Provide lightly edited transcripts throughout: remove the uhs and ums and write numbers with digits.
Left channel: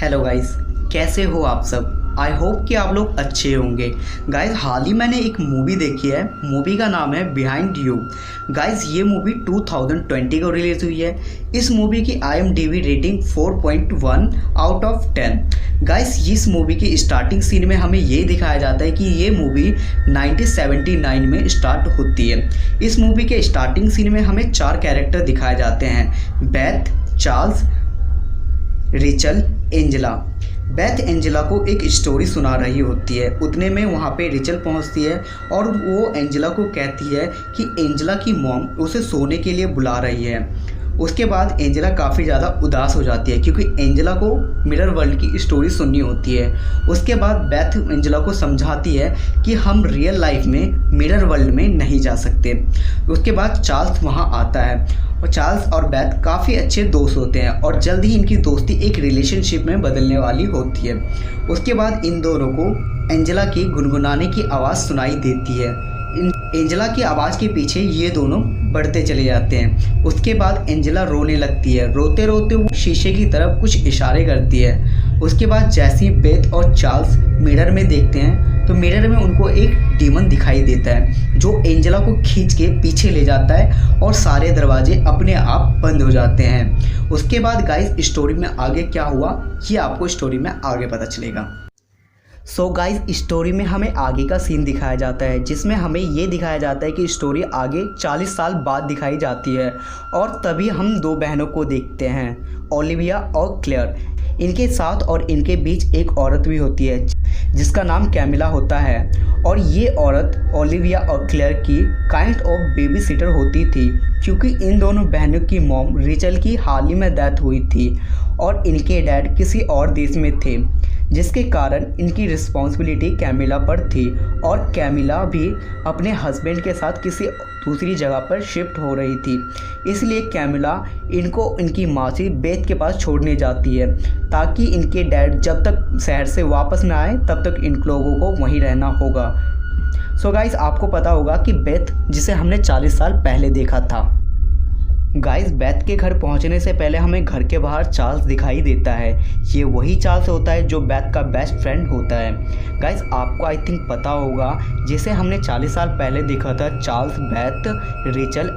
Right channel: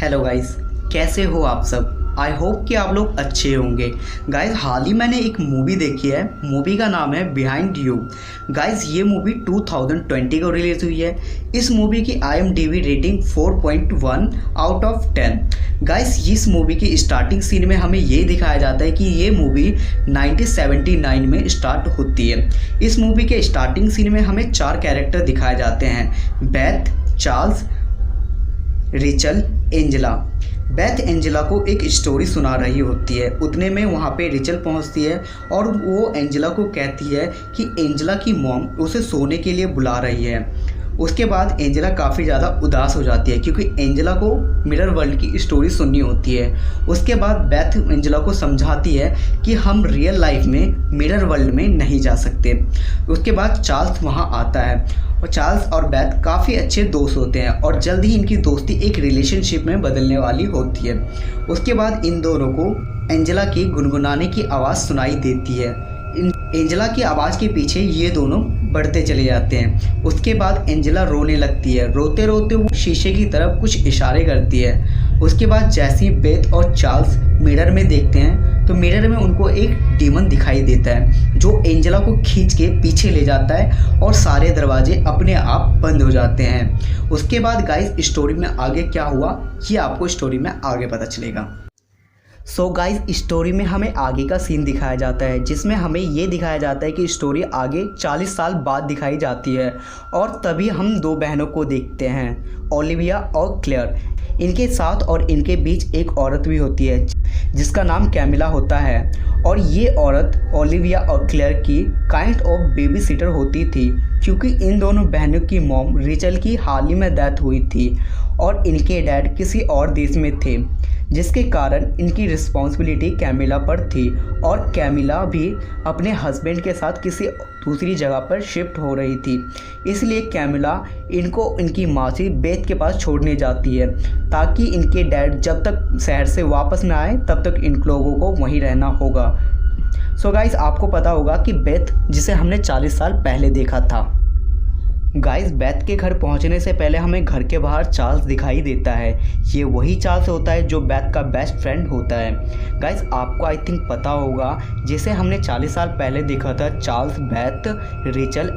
Hello guys, कैसे हो आप सब। आई होप कि आप लोग अच्छे होंगे। गाइस, हाल ही मैंने एक मूवी देखी है। मूवी का नाम है बिहाइंड यू। गाइस, ये मूवी 2020 को रिलीज़ हुई है। इस मूवी की IMDb rating 4.1 out of 10। Guys, इस मूवी की स्टार्टिंग सीन में हमें ये दिखाया जाता है कि ये मूवी 1979 में स्टार्ट होती है। इस मूवी के स्टार्टिंग सीन में हमें 4 कैरेक्टर दिखाए जाते हैं: Beth, Charles, Rachel, Angela. Beth Angela को एक स्टोरी सुना रही होती है। उतने में वहाँ पे रिचल पहुँचती है और वो एंजेला को कहती है कि एंजेला की मॉम उसे सोने के लिए बुला रही है। उसके बाद एंजेला काफ़ी ज़्यादा उदास हो जाती है क्योंकि एंजेला को मिरर वर्ल्ड की स्टोरी सुननी होती है। उसके बाद बेथ एंजेला को समझाती है कि हम रियल लाइफ में मिरर वर्ल्ड में नहीं जा सकते। उसके बाद चार्ल्स वहाँ आता है और चार्ल्स और बेथ काफ़ी अच्छे दोस्त होते हैं और जल्द ही इनकी दोस्ती एक रिलेशनशिप में बदलने वाली होती है। उसके बाद इन दोनों को एंजेला की गुनगुनाने की आवाज़ सुनाई देती है। एंजेला की आवाज़ के पीछे ये दोनों बढ़ते चले जाते हैं। उसके बाद एंजेला रोने लगती है। रोते रोते वो शीशे की तरफ कुछ इशारे करती है। उसके बाद जैसे ही बेथ और चार्ल्स मिरर में देखते हैं तो मिरर में उनको एक डीमन दिखाई देता है जो एंजेला को खींच के पीछे ले जाता है और सारे दरवाजे अपने आप बंद हो जाते हैं। उसके बाद गाइस, स्टोरी में आगे क्या हुआ ये आपको स्टोरी में आगे पता चलेगा। सो गाइस, स्टोरी में हमें आगे का सीन दिखाया जाता है जिसमें हमें ये दिखाया जाता है कि स्टोरी आगे 40 साल बाद दिखाई जाती है और तभी हम 2 बहनों को देखते हैं, ओलिविया और क्लेयर। इनके साथ और इनके बीच एक औरत भी होती है जिसका नाम कैमिला होता है और ये औरत ओलिविया और क्लेयर की काइंड ऑफ बेबी सिटर होती थी क्योंकि इन दोनों बहनों की मॉम रिचल की हाल ही में डेथ हुई थी और इनके डैड किसी और देश में थे, जिसके कारण इनकी रिस्पॉन्सिबिलिटी कैमिला पर थी और कैमिला भी अपने हस्बैंड के साथ किसी दूसरी जगह पर शिफ्ट हो रही थी। इसलिए कैमिला इनको इनकी मासी बेथ के पास छोड़ने जाती है ताकि इनके डैड जब तक शहर से वापस ना आए तब तक इन लोगों को वहीं रहना होगा। सो गाइस, आपको पता होगा कि बेथ जिसे हमने 40 साल पहले देखा था। गाइस, बेथ के घर पहुंचने से पहले हमें घर के बाहर चार्ल्स दिखाई देता है। ये वही चार्ल्स होता है जो बेथ का बेस्ट फ्रेंड होता है। गाइस, आपको आई थिंक पता होगा जिसे हमने 40 साल पहले देखा था, चार्ल्स, बेथ, रिचल,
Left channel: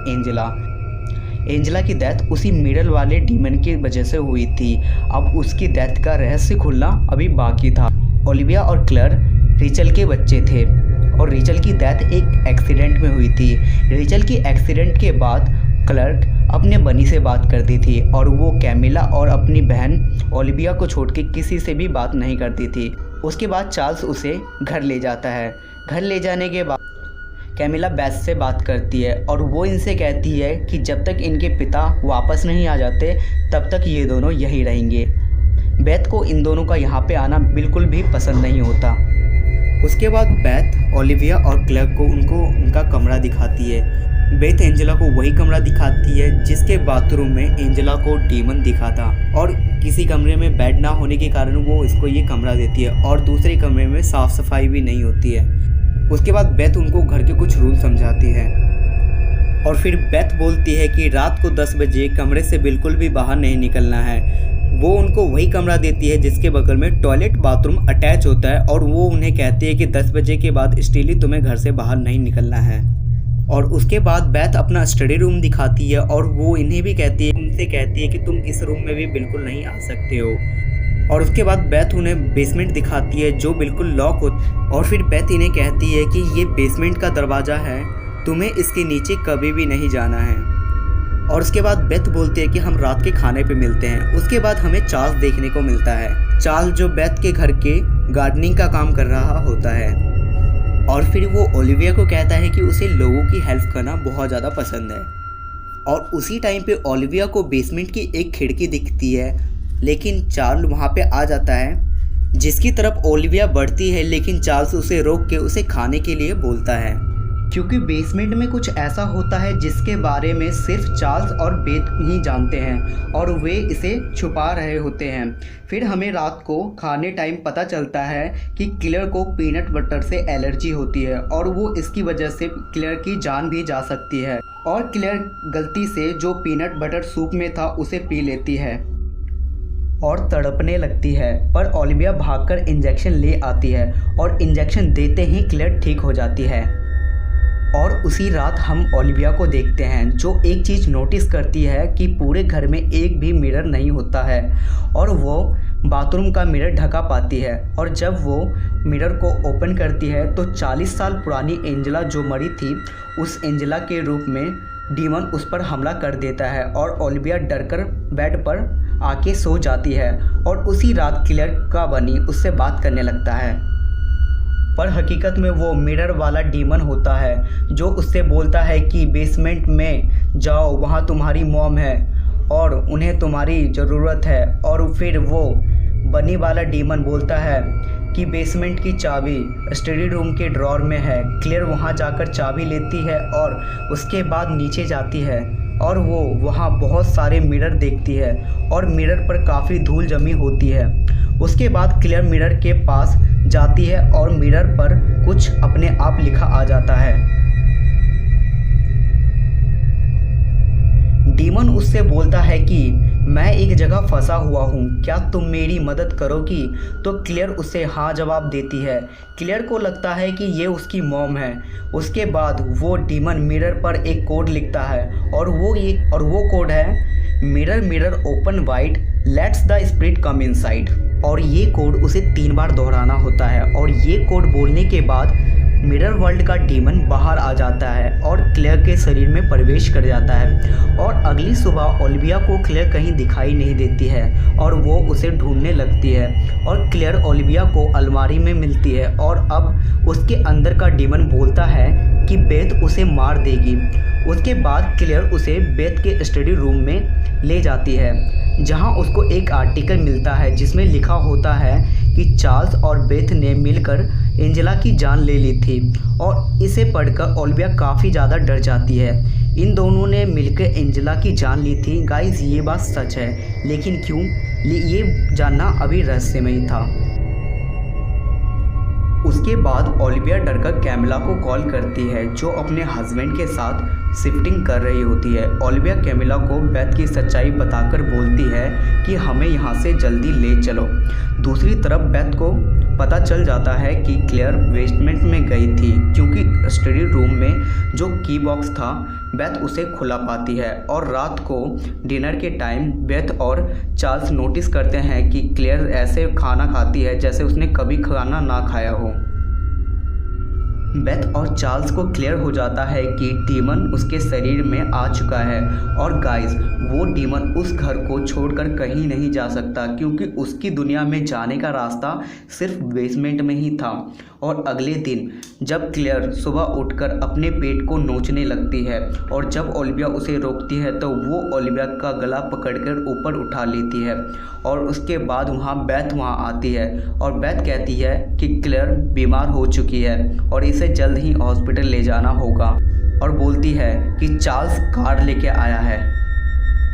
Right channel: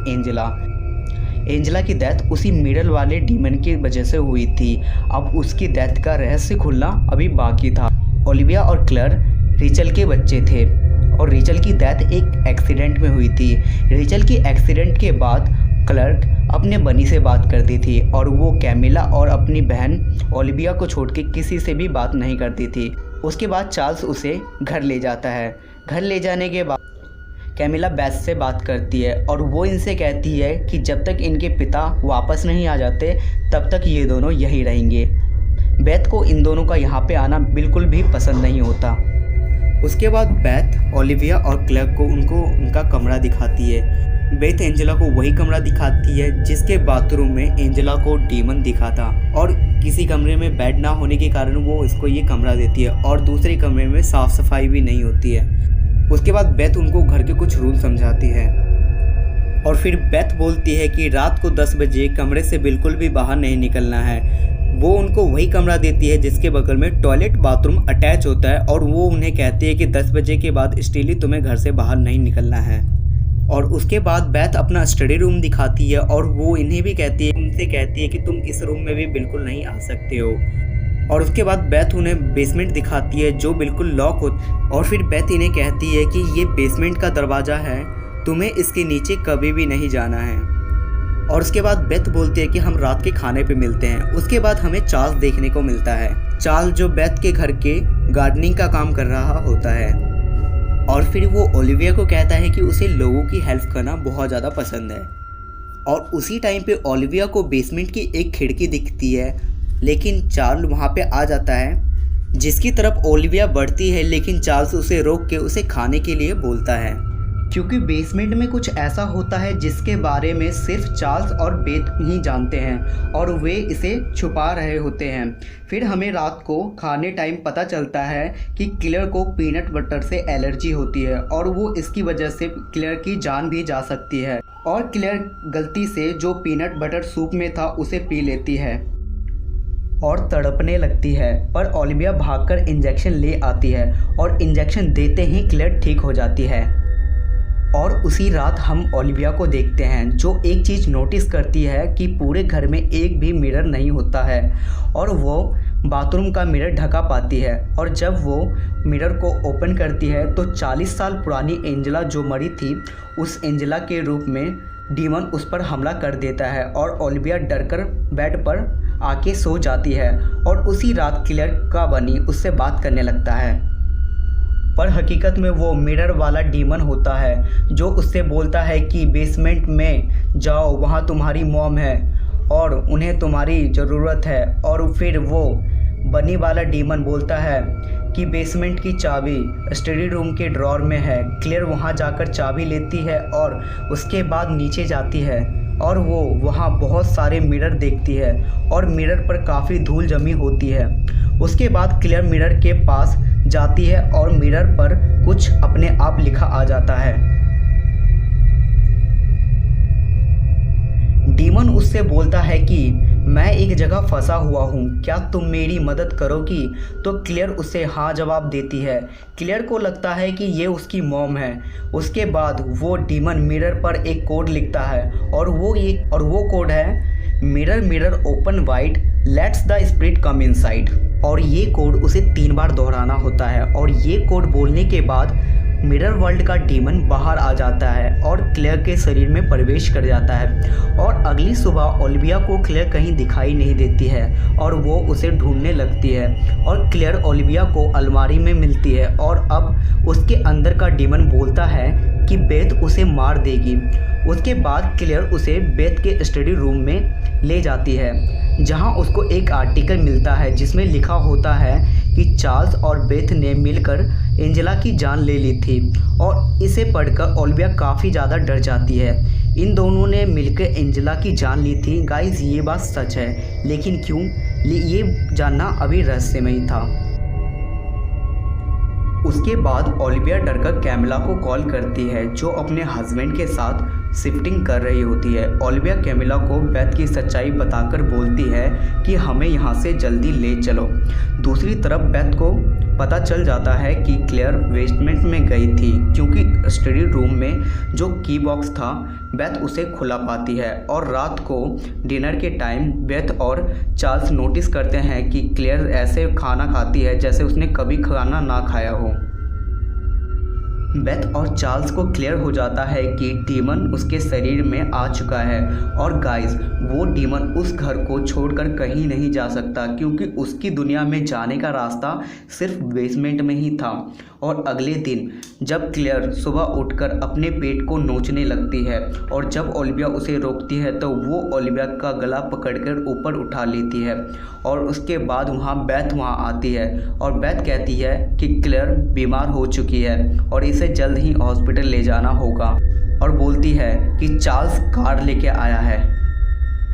एंजेला की डेथ उसी मिरर वाले डीमन की वजह से हुई थी। अब उसकी डेथ का रहस्य खुलना अभी बाकी था। ओलिविया और क्लेयर रिचल के बच्चे थे और रिचल की डेथ एक एक्सीडेंट में हुई थी। रिचल की एक्सीडेंट के बाद क्लर्क अपने बनी से बात करती थी और वो कैमिला और अपनी बहन ओलिविया को छोड़ के किसी से भी बात नहीं करती थी। उसके बाद चार्ल्स उसे घर ले जाता है। घर ले जाने के बाद कैमिला बेथ से बात करती है और वो इनसे कहती है कि जब तक इनके पिता वापस नहीं आ जाते तब तक ये दोनों यहीं रहेंगे। बेथ को इन दोनों का यहाँ पे आना बिल्कुल भी पसंद नहीं होता। उसके बाद बेथ ओलिविया और क्लर्क को उनका कमरा दिखाती है। बेथ एंजेला को वही कमरा दिखाती है जिसके बाथरूम में एंजेला को डीमन दिखा था और किसी कमरे में बेड ना होने के कारण वो इसको ये कमरा देती है और दूसरे कमरे में साफ़ सफाई भी नहीं होती है। उसके बाद बेथ उनको घर के कुछ रूल समझाती है और फिर बेथ बोलती है कि रात को 10 बजे कमरे से बिल्कुल भी बाहर नहीं निकलना है। वो उनको वही कमरा देती है जिसके बगल में टॉयलेट बाथरूम अटैच होता है और वो उन्हें कहती है कि 10 बजे के बाद स्टिल तुम्हें घर से बाहर नहीं निकलना है। और उसके बाद बेथ अपना स्टडी रूम दिखाती है और वो इन्हें भी उनसे कहती है कि तुम इस रूम में भी बिल्कुल नहीं आ सकते हो। और उसके बाद बेथ उन्हें बेसमेंट दिखाती है जो बिल्कुल लॉक हो और फिर बेथ इन्हें कहती है कि ये बेसमेंट का दरवाज़ा है, तुम्हें इसके नीचे कभी भी नहीं जाना है। और उसके बाद बेथ बोलती है कि हम रात के खाने पे मिलते हैं। उसके बाद हमें चार्ल्स देखने को मिलता है। चार्ल्स जो बेथ के घर के गार्डनिंग का काम कर रहा होता है और फिर वो ओलिविया को कहता है कि उसे लोगों की हेल्प करना बहुत ज़्यादा पसंद है। और उसी टाइम पे ओलिविया को बेसमेंट की एक खिड़की दिखती है लेकिन चार्ल्स वहाँ पे आ जाता है जिसकी तरफ ओलिविया बढ़ती है, लेकिन चार्ल्स उसे रोक के उसे खाने के लिए बोलता है क्योंकि बेसमेंट में कुछ ऐसा होता है जिसके बारे में सिर्फ चार्ल्स और बेथ ही जानते हैं और वे इसे छुपा रहे होते हैं। फिर हमें रात को खाने टाइम पता चलता है कि क्लेयर को पीनट बटर से एलर्जी होती है और वो इसकी वजह से क्लेयर की जान भी जा सकती है और क्लेयर गलती से जो पीनट बटर सूप में था उसे पी लेती है। और तड़पने लगती है, पर ओलिविया भागकर इंजेक्शन ले आती है और इंजेक्शन देते ही क्लेयर ठीक हो जाती है। और उसी रात हम ओलिविया को देखते हैं जो एक चीज़ नोटिस करती है कि पूरे घर में एक भी मिरर नहीं होता है और वो बाथरूम का मिरर ढका पाती है। और जब वो मिरर को ओपन करती है तो 40 साल पुरानी एंजेला जो मरी थी, उस एंजेला के रूप में डीमन उस पर हमला कर देता है और ओलिविया डरकर बेड पर आके सो जाती है। और उसी रात क्लेयर का बनी उससे बात करने लगता है, पर हकीकत में वो मिरर वाला डीमन होता है जो उससे बोलता है कि बेसमेंट में जाओ, वहाँ तुम्हारी मॉम है और उन्हें तुम्हारी ज़रूरत है। और फिर वो बनी वाला डीमन बोलता है कि बेसमेंट की चाबी स्टडी रूम के ड्रॉर में है। क्लेयर वहाँ जाकर चाबी लेती है और उसके बाद नीचे जाती है और वो वहाँ बहुत सारे मिरर देखती है और मिरर पर काफ़ी धूल जमी होती है। उसके बाद क्लेयर मिरर के पास जाती है और मिरर पर कुछ अपने आप लिखा आ जाता है। डीमन उससे बोलता है कि मैं एक जगह फंसा हुआ हूँ, क्या तुम मेरी मदद करोगी? तो क्लेयर उसे हाँ जवाब देती है। क्लेयर को लगता है कि ये उसकी मॉम है। उसके बाद वो डीमन मिरर पर एक कोड लिखता है और वो कोड है mirror mirror open wide let's the spirit come inside. और ये कोड उसे 3 बार दोहराना होता है और ये कोड बोलने के बाद मिरर वर्ल्ड का डीमन बाहर आ जाता है और क्लेयर के शरीर में प्रवेश कर जाता है। और अगली सुबह ओलिविया को क्लेयर कहीं दिखाई नहीं देती है और वो उसे ढूंढने लगती है और क्लेयर ओलिविया को अलमारी में मिलती है और अब उसके अंदर का डीमन बोलता है कि बेथ उसे मार देगी। उसके बाद क्लेयर उसे बेथ के स्टडी रूम में ले जाती है जहां उसको एक आर्टिकल मिलता है जिसमें लिखा होता है कि चार्ल्स और बेथ ने मिलकर एंजेला की जान ले ली थी। और इसे पढ़कर ओलिविया काफ़ी ज़्यादा डर जाती है। इन दोनों ने मिलकर एंजेला की जान ली थी। गाइस ये बात सच है, लेकिन क्यों, ये जानना अभी रहस्यमय था। उसके बाद ओलिविया डरकर कैमिला को कॉल करती है जो अपने हस्बैंड के साथ शिफ्टिंग कर रही होती है। ओलिविया कैमिला को बेथ की सच्चाई बताकर बोलती है कि हमें यहाँ से जल्दी ले चलो। दूसरी तरफ बेथ को पता चल जाता है कि क्लेयर बेसमेंट में गई थी क्योंकि स्टडी रूम में जो की बॉक्स था बेथ उसे खुला पाती है। और रात को डिनर के टाइम बेथ और चार्ल्स नोटिस करते हैं कि क्लेयर ऐसे खाना खाती है जैसे उसने कभी खाना ना खाया हो। बेथ और चार्ल्स को क्लियर हो जाता है कि डीमन उसके शरीर में आ चुका है और गाइस वो डीमन उस घर को छोड़कर कहीं नहीं जा सकता क्योंकि उसकी दुनिया में जाने का रास्ता सिर्फ बेसमेंट में ही था। और अगले दिन जब क्लेयर सुबह उठकर अपने पेट को नोचने लगती है और जब ओलिविया उसे रोकती है तो वो ओलिविया का गला पकड़कर ऊपर उठा लेती है। और उसके बाद बेथ वहाँ आती है और बेथ कहती है कि क्लेयर बीमार हो चुकी है और इसे जल्द ही हॉस्पिटल ले जाना होगा और बोलती है कि चार्ल्स कार लेके आया है।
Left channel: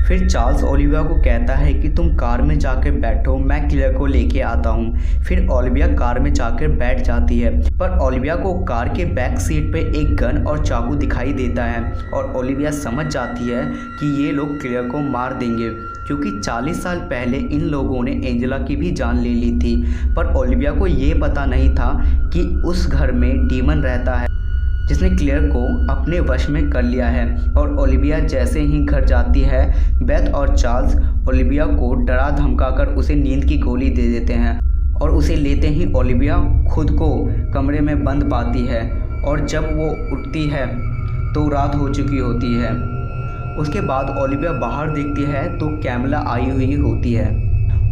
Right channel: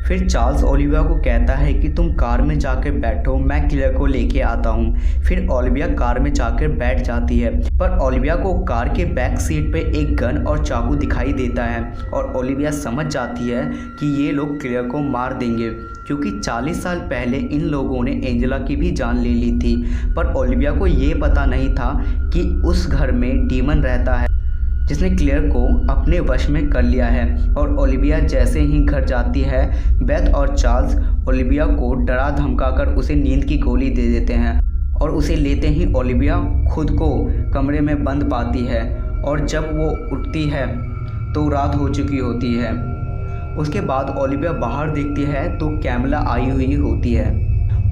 फिर चार्ल्स ओलिविया को कहता है कि तुम कार में जाकर बैठो, मैं क्लेयर को लेके आता हूँ। फिर ओलिविया कार में जाकर बैठ जाती है, पर ओलिविया को कार के बैक सीट पे एक गन और चाकू दिखाई देता है और ओलिविया समझ जाती है कि ये लोग क्लेयर को मार देंगे क्योंकि 40 साल पहले इन लोगों ने एंजेला की भी जान ले ली थी। पर ओलिविया को ये पता नहीं था कि उस घर में डीमन रहता है जिसने क्लेयर को अपने वश में कर लिया है। और ओलिविया जैसे ही घर जाती है बेथ और चार्ल्स ओलिविया को डरा धमकाकर उसे नींद की गोली दे देते हैं और उसे लेते ही ओलिविया खुद को कमरे में बंद पाती है और जब वो उठती है तो रात हो चुकी होती है। उसके बाद ओलिविया बाहर देखती है तो कैमिला आई हुई होती है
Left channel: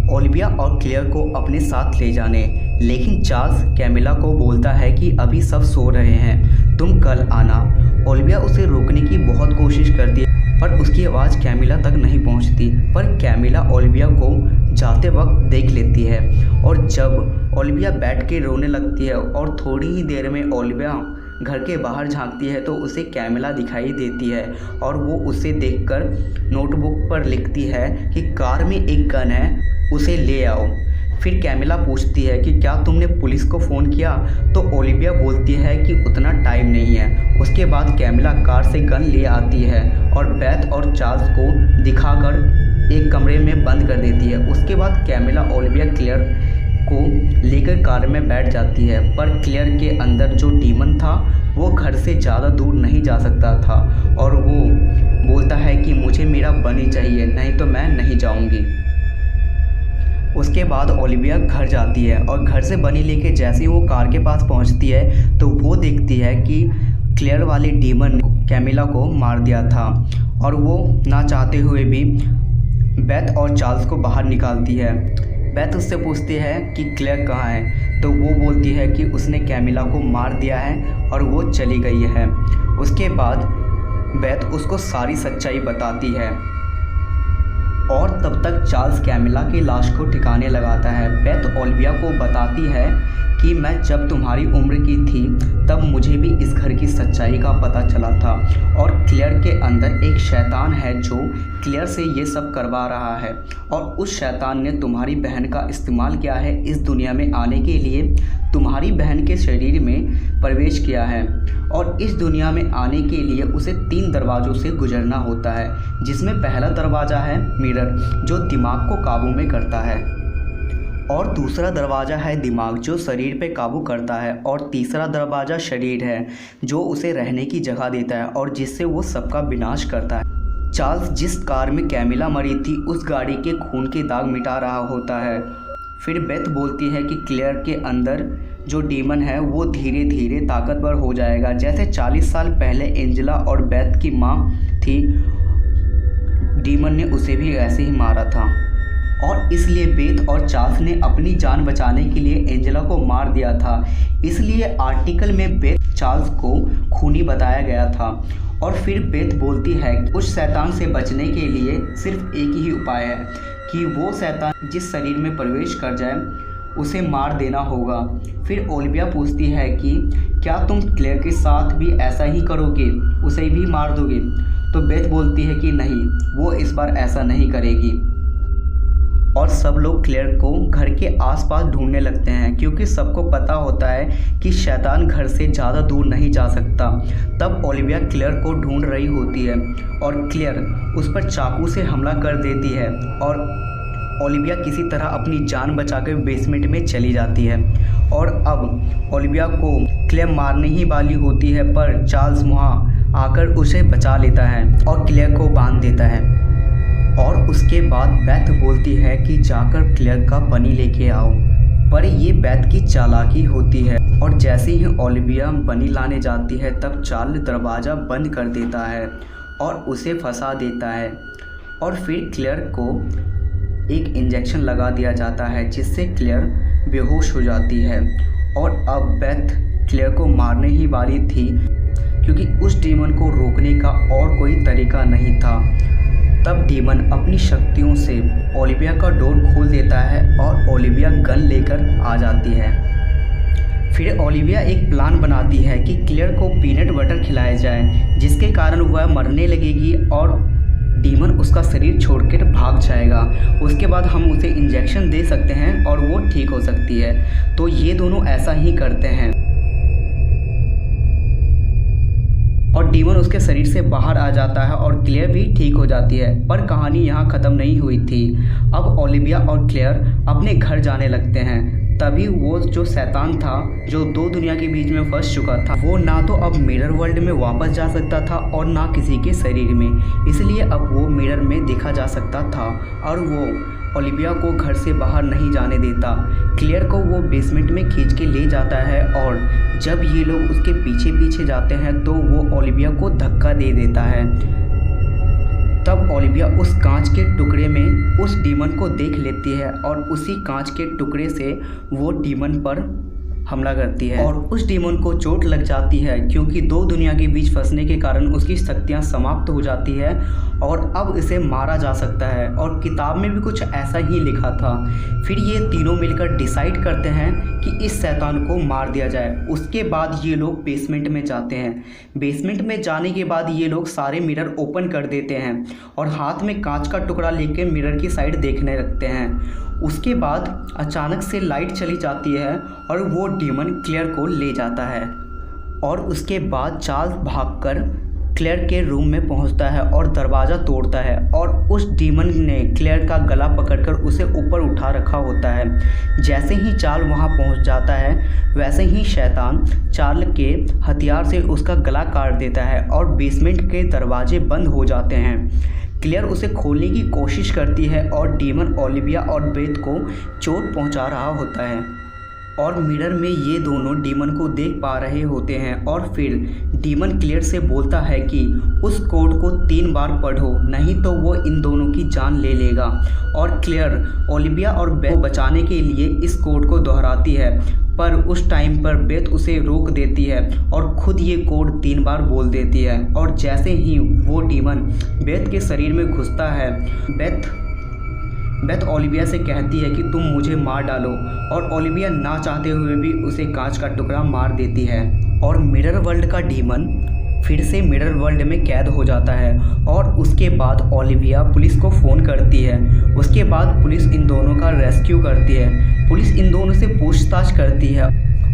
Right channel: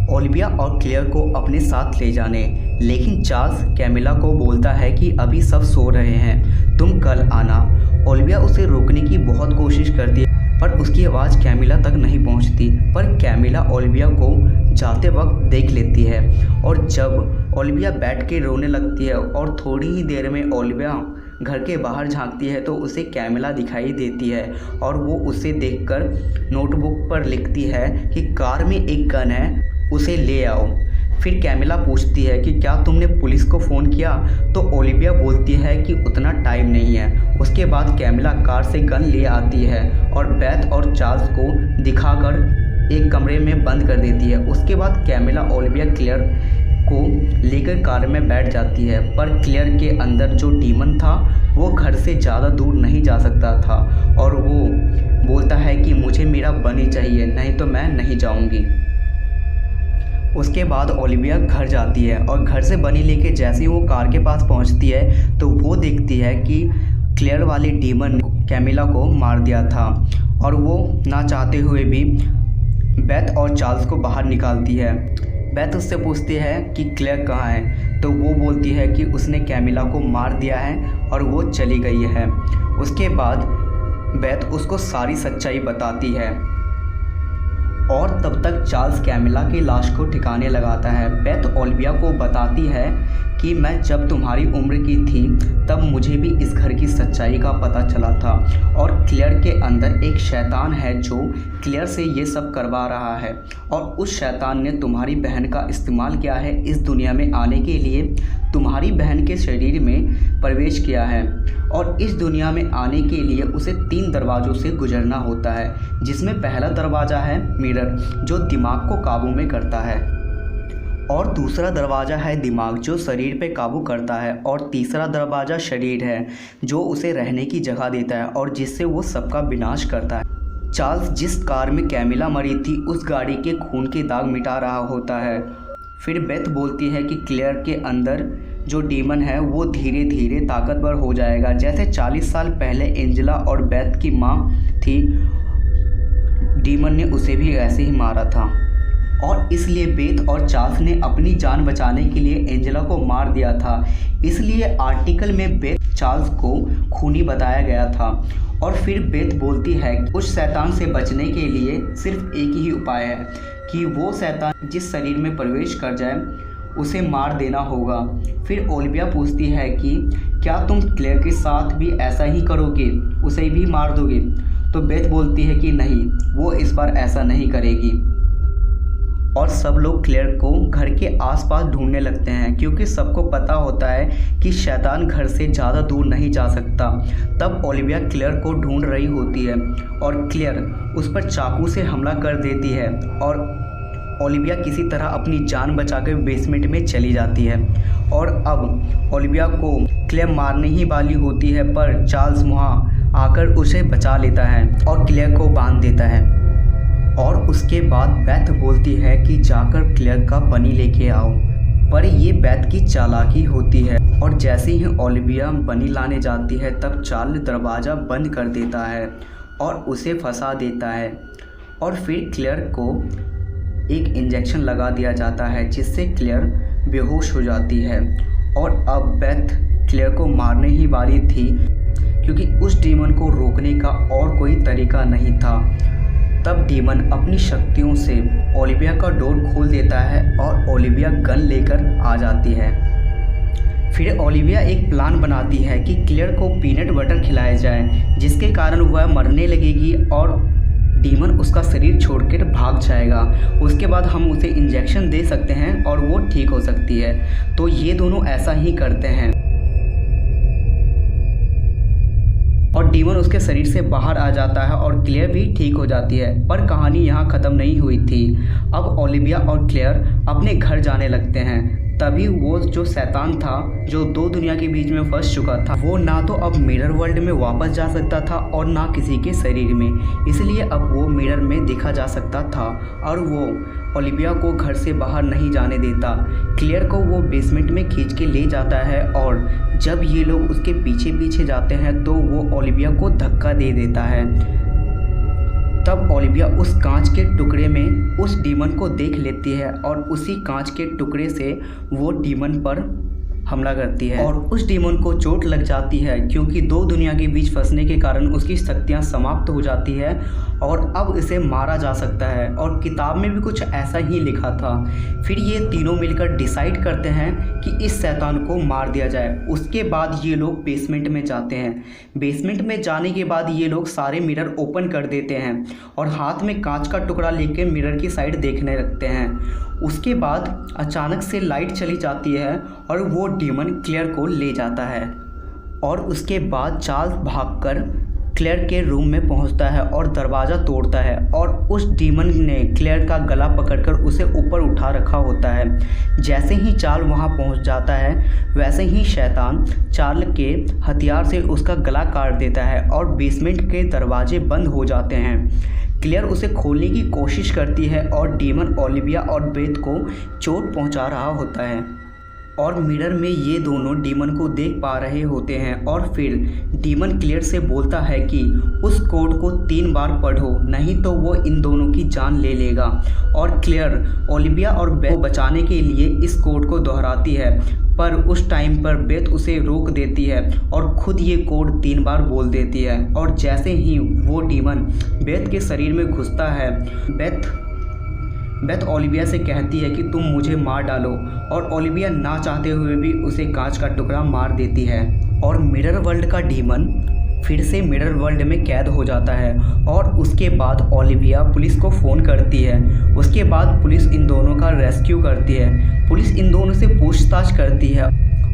ओलिविया और क्लेयर को अपने साथ ले जाने, लेकिन चार्ल्स कैमिला को बोलता है कि अभी सब सो रहे हैं, तुम कल आना। ओलिविया उसे रोकने की बहुत कोशिश करती है पर उसकी आवाज़ कैमिला तक नहीं पहुंचती। पर कैमिला ओलिविया को जाते वक्त देख लेती है और जब ओलिविया बैठ के रोने लगती है और थोड़ी ही देर में ओलिविया घर के बाहर झांकती है तो उसे कैमिला दिखाई देती है और वो उसे देखकर नोटबुक पर लिखती है कि कार में एक गन है, उसे ले आओ। फिर कैमिला पूछती है कि क्या तुमने पुलिस को फ़ोन किया? तो ओलिविया बोलती है कि उतना टाइम नहीं है। उसके बाद कैमिला कार से गन ले आती है और बेथ और चार्ल्स को दिखाकर एक कमरे में बंद कर देती है। उसके बाद कैमिला ओलिविया क्लेयर को लेकर कार में बैठ जाती है, पर क्लेयर के अंदर जो डीमन था वो घर से ज़्यादा दूर नहीं जा सकता था और वो बोलता है कि मुझे मेरा बनी चाहिए, नहीं तो मैं नहीं जाऊंगी। उसके बाद ओलिविया घर जाती है और घर से बनी लेके जैसे ही वो कार के पास पहुंचती है तो वो देखती है कि क्लेयर वाले डीमन कैमिला को मार दिया था और वो ना चाहते हुए भी बेथ और चार्ल्स को बाहर निकालती है। बेथ उससे पूछती है कि क्लेयर कहाँ है, तो वो बोलती है कि उसने कैमिला को मार दिया है और वो चली गई है। उसके बाद बेथ उसको सारी सच्चाई बताती है और तब तक चार्ल्स कैमिला की लाश को ठिकाने लगाता है। बेथ ओलिविया को बताती है कि मैं जब तुम्हारी उम्र की थी तब मुझे भी इस घर की सच्चाई का पता चला था और क्लेयर के अंदर एक शैतान है जो क्लेयर से ये सब करवा रहा है और उस शैतान ने तुम्हारी बहन का इस्तेमाल किया है इस दुनिया में आने के लिए, तुम्हारी बहन के शरीर में प्रवेश किया है और इस दुनिया में आने के लिए उसे 3 दरवाज़ों से गुजरना होता है, जिसमें पहला दरवाज़ा है मिरर जो दिमाग को काबू में करता है और दूसरा दरवाज़ा है दिमाग जो शरीर पे काबू करता है और तीसरा दरवाज़ा शरीर है जो उसे रहने की जगह देता है और जिससे वो सबका विनाश करता है। चार्ल्स जिस कार में कैमिला मरी थी उस गाड़ी के खून के दाग मिटा रहा होता है। फिर बेथ बोलती है कि क्लेयर के अंदर जो डीमन है वो धीरे धीरे ताकतवर हो जाएगा, जैसे 40 साल पहले एंजेला और बेथ की माँ थी, डीमन ने उसे भी ऐसे ही मारा था और इसलिए बेथ और चार्ल्स ने अपनी जान बचाने के लिए एंजेला को मार दिया था। इसलिए आर्टिकल में बेथ चार्ल्स को खूनी बताया गया था और फिर बेथ बोलती है कि उस शैतान से बचने के लिए सिर्फ एक ही उपाय है कि वो शैतान जिस शरीर में प्रवेश कर जाए उसे मार देना होगा। फिर ओलिविया पूछती है कि क्या तुम क्लेयर के साथ भी ऐसा ही करोगे, उसे भी मार दोगे? तो बेथ बोलती है कि नहीं, वो इस बार ऐसा नहीं करेगी और सब लोग क्लेयर को घर के आसपास ढूंढने लगते हैं क्योंकि सबको पता होता है कि शैतान घर से ज़्यादा दूर नहीं जा सकता। तब ओलिविया क्लेयर को ढूंढ रही होती है और क्लेयर उस पर चाकू से हमला कर देती है और ओलिविया किसी तरह अपनी जान बचाकर बेसमेंट में चली जाती है और अब ओलिविया को क्लेयर मारने ही वाली होती है, पर चार्ल्स वहाँ आकर उसे बचा लेता है और क्लेयर को बांध देता है और उसके बाद बेथ बोलती है कि जाकर क्लेयर का बनी लेके आओ, पर ये बेथ की चालाकी होती है और जैसे ही ओलिविया बनी लाने जाती है तब चार्ल्स दरवाज़ा बंद कर देता है और उसे फंसा देता है और फिर क्लेयर को एक इंजेक्शन लगा दिया जाता है जिससे क्लेयर बेहोश हो जाती है और अब बेथ क्लेयर को मारने ही वाली थी क्योंकि उस डीमन को रोकने का और कोई तरीका नहीं था। तब डीमन अपनी शक्तियों से ओलिविया का डोर खोल देता है और ओलिविया गन लेकर आ जाती है। फिर ओलिविया एक प्लान बनाती है कि क्लेयर को पीनट बटर खिलाया जाए जिसके कारण वह मरने लगेगी और डीमन उसका शरीर छोड़कर भाग जाएगा। उसके बाद हम उसे इंजेक्शन दे सकते हैं और वो ठीक हो सकती है। तो ये दोनों ऐसा ही करते हैं और डीमन उसके शरीर से बाहर आ जाता है और क्लेयर भी ठीक हो जाती है। पर कहानी यहाँ ख़त्म नहीं हुई थी। अब ओलिविया और क्लेयर अपने घर जाने लगते हैं। तभी वो जो शैतान था जो 2 दुनिया के बीच में फंस चुका था वो ना तो अब मिरर वर्ल्ड में वापस जा सकता था और ना किसी के शरीर में, इसलिए अब वो मिरर में देखा जा सकता था और वो ओलिविया को घर से बाहर नहीं जाने देता। क्लेयर को वो बेसमेंट में खींच के ले जाता है और जब ये लोग उसके पीछे पीछे जाते हैं तो वो ओलिविया को धक्का दे देता है। तब ओलिविया उस कांच के टुकड़े में उस डीमन को देख लेती है और उसी कांच के टुकड़े से वो डीमन पर हमला करती है और उस डीमन को चोट लग जाती है क्योंकि 2 दुनिया के बीच फंसने के कारण उसकी शक्तियाँ समाप्त हो जाती है और अब इसे मारा जा सकता है और किताब में भी कुछ ऐसा ही लिखा था। फिर ये तीनों मिलकर डिसाइड करते हैं कि इस शैतान को मार दिया जाए। उसके बाद ये लोग बेसमेंट में जाते हैं। बेसमेंट में जाने के बाद ये लोग सारे मिरर ओपन कर देते हैं और हाथ में कांच का टुकड़ा लेकर मिरर की साइड देखने लगते हैं। उसके बाद अचानक से लाइट चली जाती है और वो डीमन क्लेयर को ले जाता है और उसके बाद चार्ल्स भागकर क्लेयर के रूम में पहुंचता है और दरवाज़ा तोड़ता है और उस डीमन ने क्लेयर का गला पकड़कर उसे ऊपर उठा रखा होता है। जैसे ही चार्ल वहां पहुंच जाता है वैसे ही शैतान चार्ल के हथियार से उसका गला काट देता है और बेसमेंट के दरवाजे बंद हो जाते हैं। क्लेयर उसे खोलने की कोशिश करती है और डीमन ओलिविया और बेथ को चोट पहुंचा रहा होता है और मिरर में ये दोनों डीमन को देख पा रहे होते हैं और फिर डीमन क्लेयर से बोलता है कि उस कोड को 3 बार पढ़ो, नहीं तो वो इन दोनों की जान ले लेगा। और क्लेयर ओलिविया और बेथ को बचाने के लिए इस कोड को दोहराती है, पर उस टाइम पर बेथ उसे रोक देती है और खुद ये कोड 3 बार बोल देती है। और जैसे ही वो डीमन बेथ के शरीर में घुसता है, बेथ ओलिविया से कहती है कि तुम मुझे मार डालो और ओलिविया ना चाहते हुए भी उसे कांच का टुकड़ा मार देती है। और मिरर वर्ल्ड का डीमन फिर से मिरर वर्ल्ड में कैद हो जाता है और उसके बाद ओलिविया पुलिस को फ़ोन करती है। उसके बाद पुलिस इन दोनों का रेस्क्यू करती है। पुलिस इन दोनों से पूछताछ करती है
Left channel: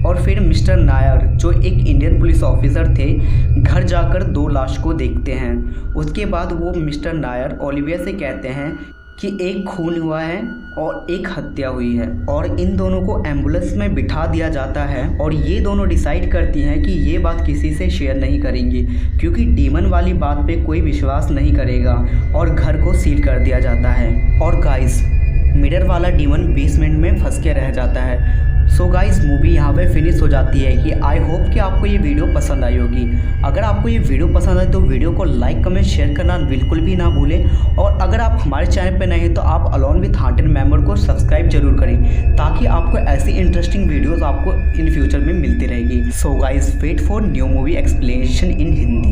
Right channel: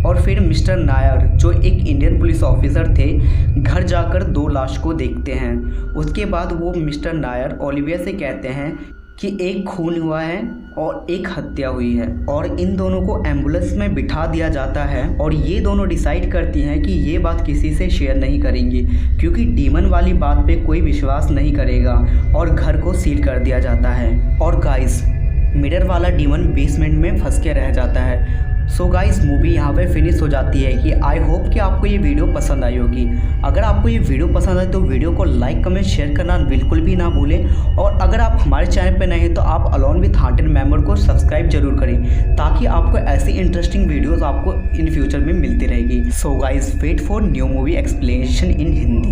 और फिर मिस्टर नायर, जो एक इंडियन पुलिस ऑफिसर थे, घर जाकर 2 लाश को देखते हैं। उसके बाद वो मिस्टर नायर ओलिविया से कहते हैं कि एक खून हुआ है और एक हत्या हुई है और इन दोनों को एम्बुलेंस में बिठा दिया जाता है। और ये दोनों डिसाइड करती हैं कि ये बात किसी से शेयर नहीं करेंगी क्योंकि डीमन वाली बात पे कोई विश्वास नहीं करेगा और घर को सील कर दिया जाता है। और गाइस, मिरर वाला डीमन बेसमेंट में फंस के रह जाता है। सो गाइस, मूवी यहाँ पे फिनिश हो जाती है कि आई होप कि आपको ये वीडियो पसंद आई होगी। अगर आपको ये वीडियो पसंद आए तो वीडियो को लाइक कमेंट शेयर करना बिल्कुल भी ना भूलें। और अगर आप हमारे चैनल पे नए हैं तो आप अलोन विथ हांटेड मेंबर को सब्सक्राइब जरूर करें ताकि आपको ऐसी इंटरेस्टिंग वीडियोज़ आपको इन फ्यूचर में मिलती रहेगी। So guys, wait for new movie explanation in Hindi.